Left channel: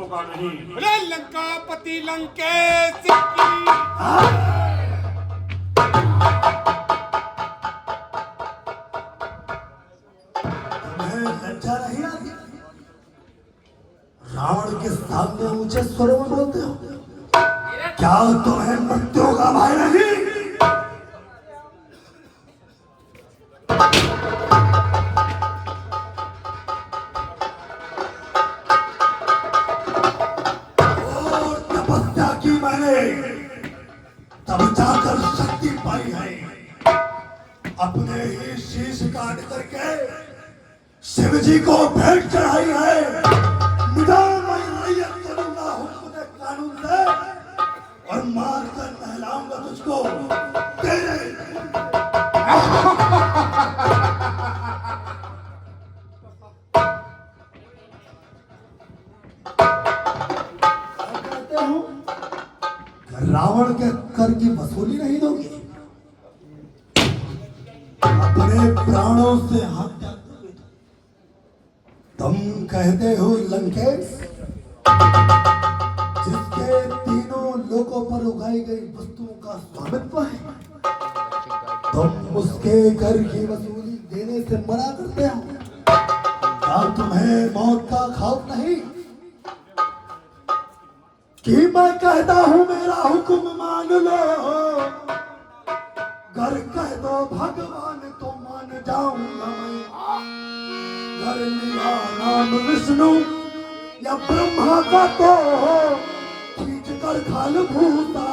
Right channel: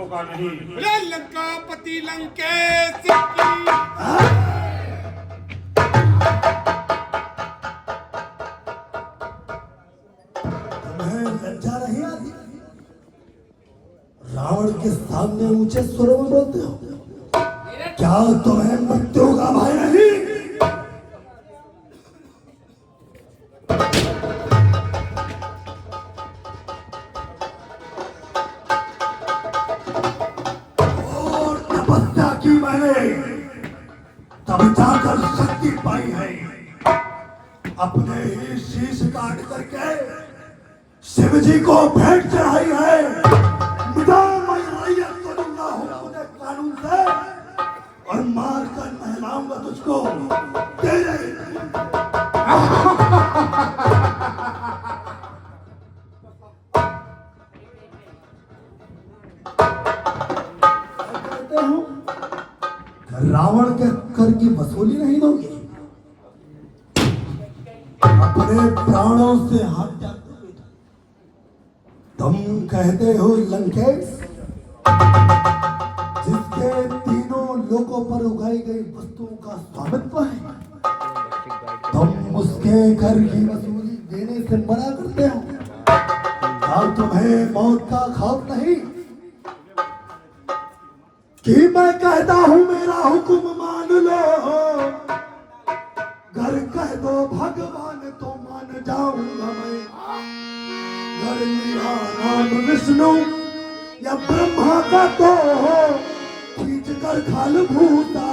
होगा नहीं। अरे लंकापति लंकेश की लज्जा नहीं आती? रावण के सामने ऊंचे स्वरों में बोलते हो? क्या तुम्हें मृत्यु का भय नहीं? और तपस्या की मैंने तब जाकर शक्ति पाई है। अपने ही शीश काट करके शिव जी को भेंट चढ़ाई है। मैं रैयत करूंगा हुक्म कानून से और मार कर नहलाऊंगा तुझको तेरे। कहते हूं रावण के कर की वसूली नहीं दोगे? अपने प्राणों से हाथ तुम कहते हो लंकेश, जिसके तीनों लोगों पर उगाई गई वस्तुओं का स्वामित्व है, तुम उसके घर की वसूली देने से मना करते हो? क्या तुम्हें मौत का खौफ नहीं कि मैं कहता हूं मेरा हुक्म मान लो? घर कह दो भगवान तो मान जाऊंगा मैं। घर मेरा नाम विष्णु या ब्रह्मा का तो खींच कर खाल भूता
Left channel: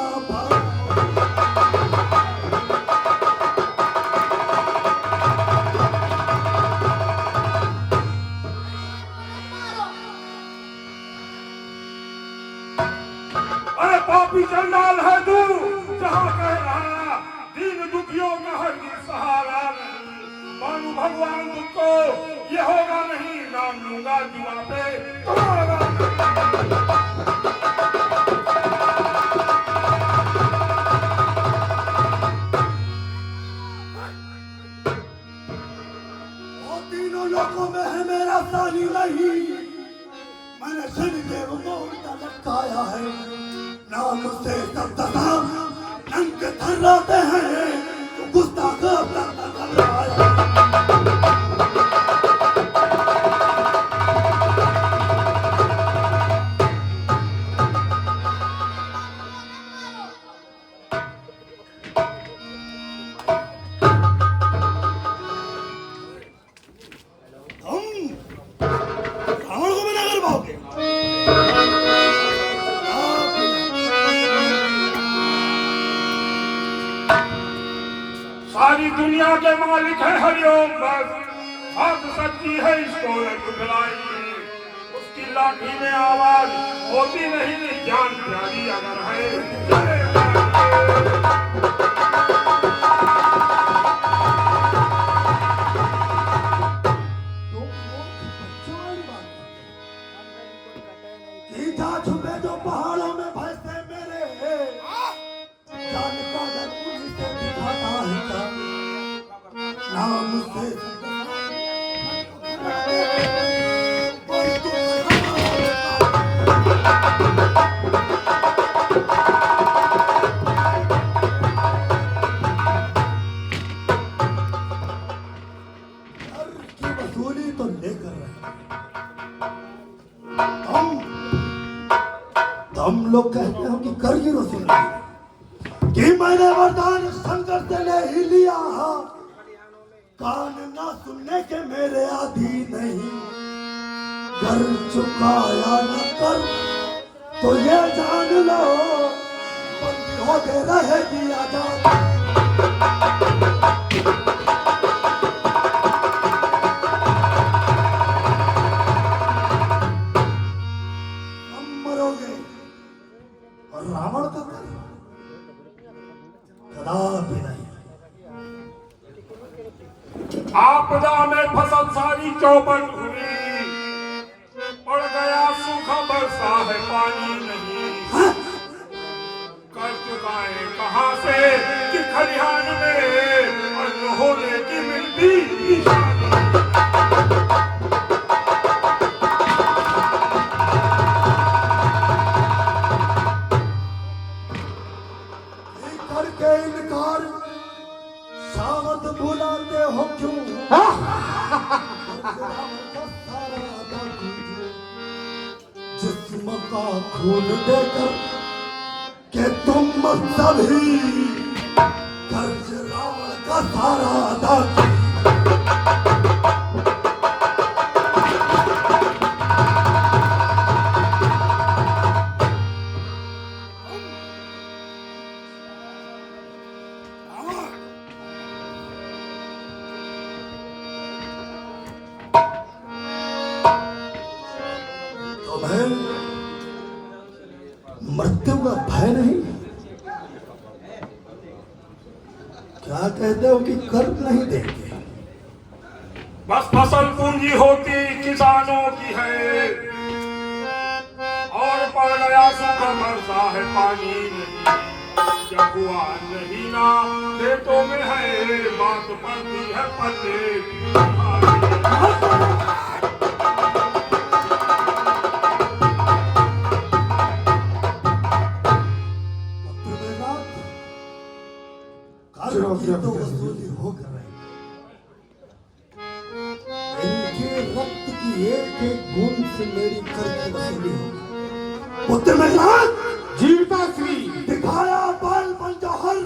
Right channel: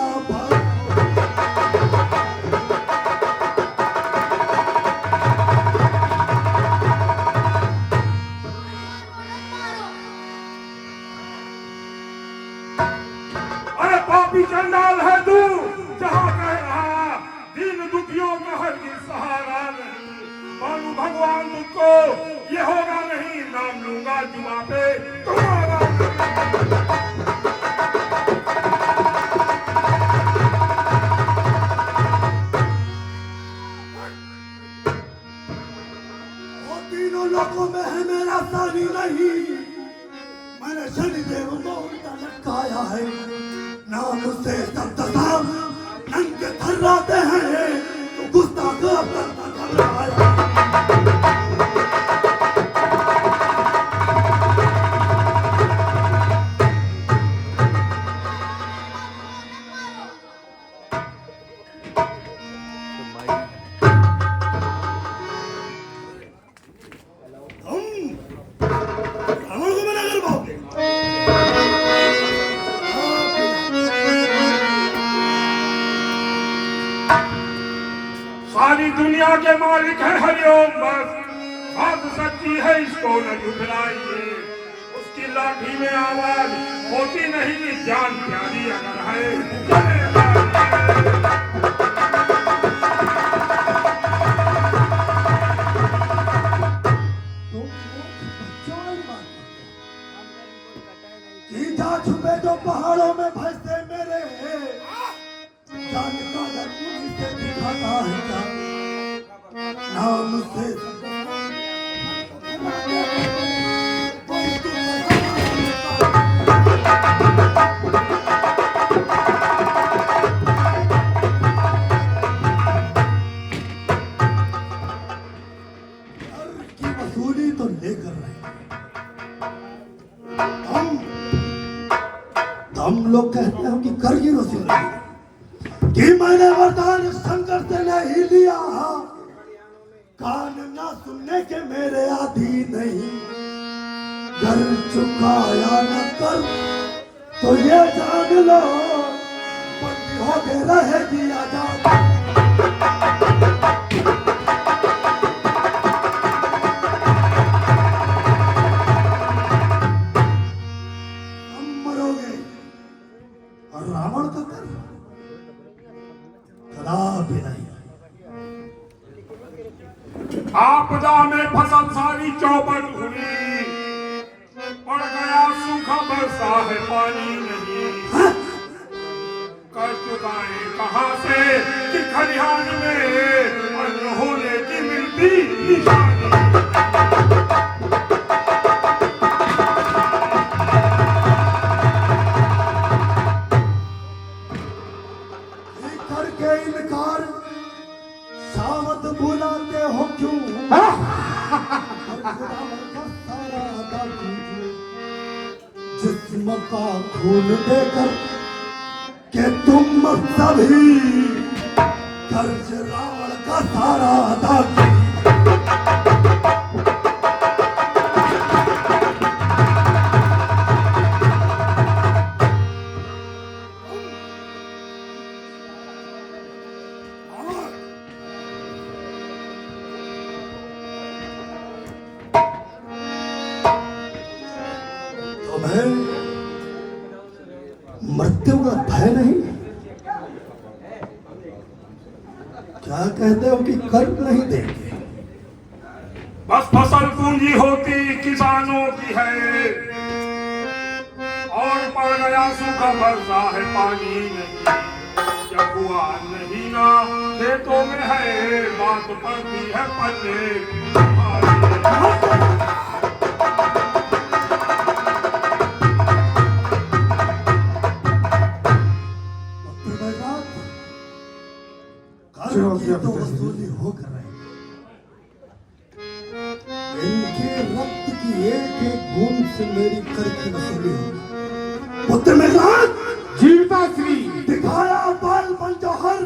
अरे पापी चंडाल है तू, जहाँ कह रहा दीन दुखियों में हरगिज़ सहारा नहीं। मानू भगवान तुझको ये होगा नहीं, नाम लूंगा जुआ पे तुम्हारा। वो तीनों लोगों में है मेरा सानी नहीं। मैंने शनिदेव को उल्टा लटकाया है। नाम से सब तमाम नंग थर्राते हैं तो गुस्ताख घबराया। रावण को मना कर पाओगे? सारी दुनिया के मालिक है हरिओम बस, बात सच्ची है इसको न झुठलाइए। उसकी लाठी में आवाज होती नहीं, जान प्यारी अगर है छुपे जो पहाड़ों में फंसते मेरे जान का डर मुझे दिखाता है क्या? नाम से की वसूली तो लेकर रहे हम लोग कहते हैं कि कर की वसूली कि मैंने वरदान शंकर से नहीं लिया। कान ना सुनने के मेरे आदि नहीं। घर चुकाया न कर तो ये जान लो बंदी होते रहेगी आजाद। और रावण का कर कदापि नहीं। आपदा में फसल सारी चौपट हुई, पड़ गया सूखा बरसा है पानी नहीं। कर चुकाए कहाँ से कि खलिहान में अन्न होने की मिलती निशानी। जिस्म का खून देकर कि तुम सभी कर्ज रावण का सारा अदा किया। तुम्हें मृत्यु का भय नहीं? क्या कहते हो कि कर नहीं देंगे? बस फसल पूंजी होती किसानों की है, और पड़ गया सूखा बरसा है पानी नहीं। जब हुआ नहीं ना खेतों में है, बात पड़ती है पन्ने। तो वसूली हो कर रहे, इनके रक्त की एक एक बूंद से मेरी कर की वसूली हो। पुत्र मेघनाथ, जीविता श्री दिखाया बालपन जौहर,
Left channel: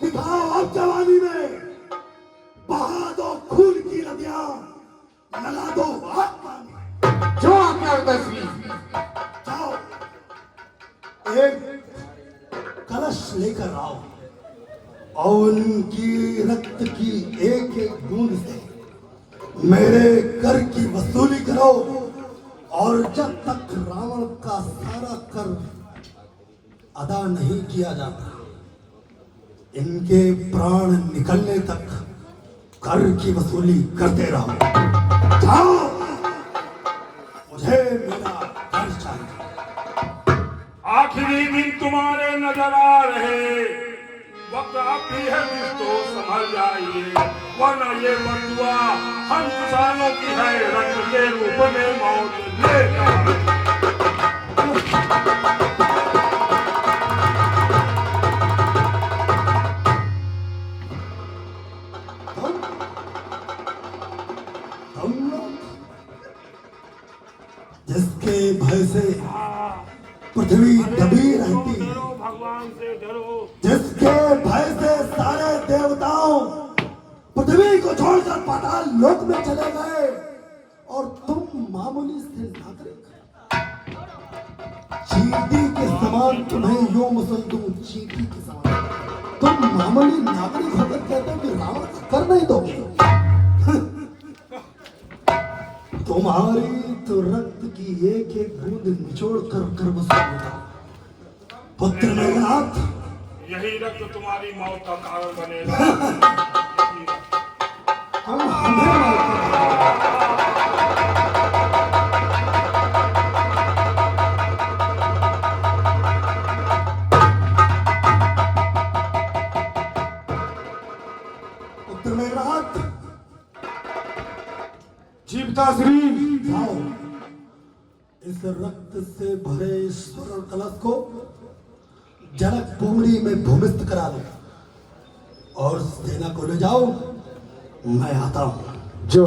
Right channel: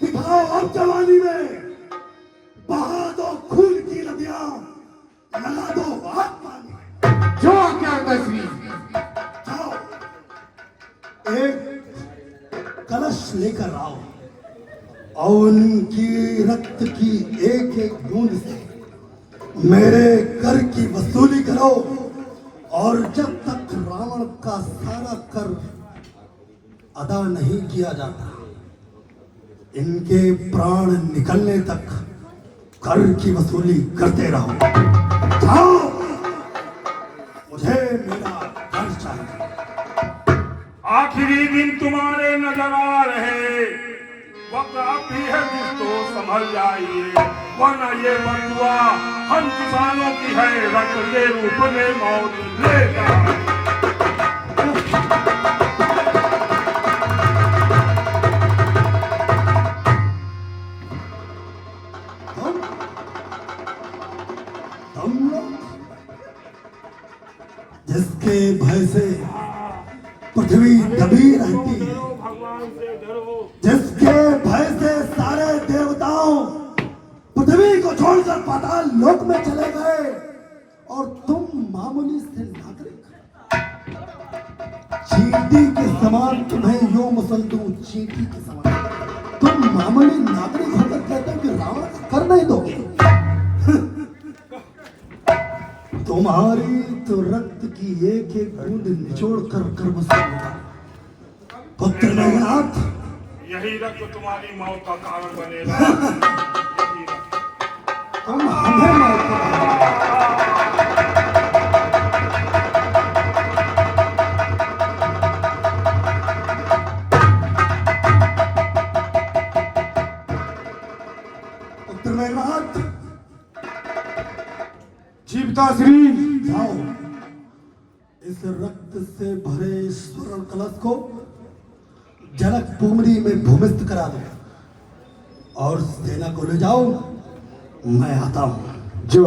दिखाओ अब जवानी में, बहा दो खून की नदियां, लगा दो आत्मा में। जो आज्ञा श्री। जाओ एक कलश लेकर आओ और उनकी रक्त की एक एक बूंद से मेरे कर की वसूली करो। और जब तक रावण का सारा कर अदा नहीं किया जाता, इनके प्राण निकलने तक कर की वसूली करते रहो। जाओ, मुझे मेरा कर चाहिए। आखिरी दिन तुम्हारे नजर आ रहे, वक्त अब भी है जिसको संभल जाइए, वरना ये बंधुआ हम किसानों की है, रक्त के रूप में मौत लेगा। हम लोग जिसके भय से पृथ्वी दबी रहती है, भगवान से डरो। जिसके भय से सारे देवताओं पृथ्वी को छोड़कर पाताल लोक में चले गए, और तुम मामूली से नागरिक चींटी के समान, तुम्हें यो मुसल दूं चींटी के समान, तुम मामूली नागरिक होकर कहते हो कि रावण का कर नहीं दोगे। तुम्हारी तो रक्त की एक एक बूंद निचोड़ कर वसूल होगा। पुत्र मेघनाथ, यही रक्त तुम्हारी मौत का कारण बनेगा। हम हमें मौत का पुत्र मेघनाथ, जीविता श्री। जाओ इस रक्त से भरे स्वर्ण कलश को जनक पुमरी में भूमिस्थ करा दो, और सेना को ले जाओ। मैं आता हूं। जो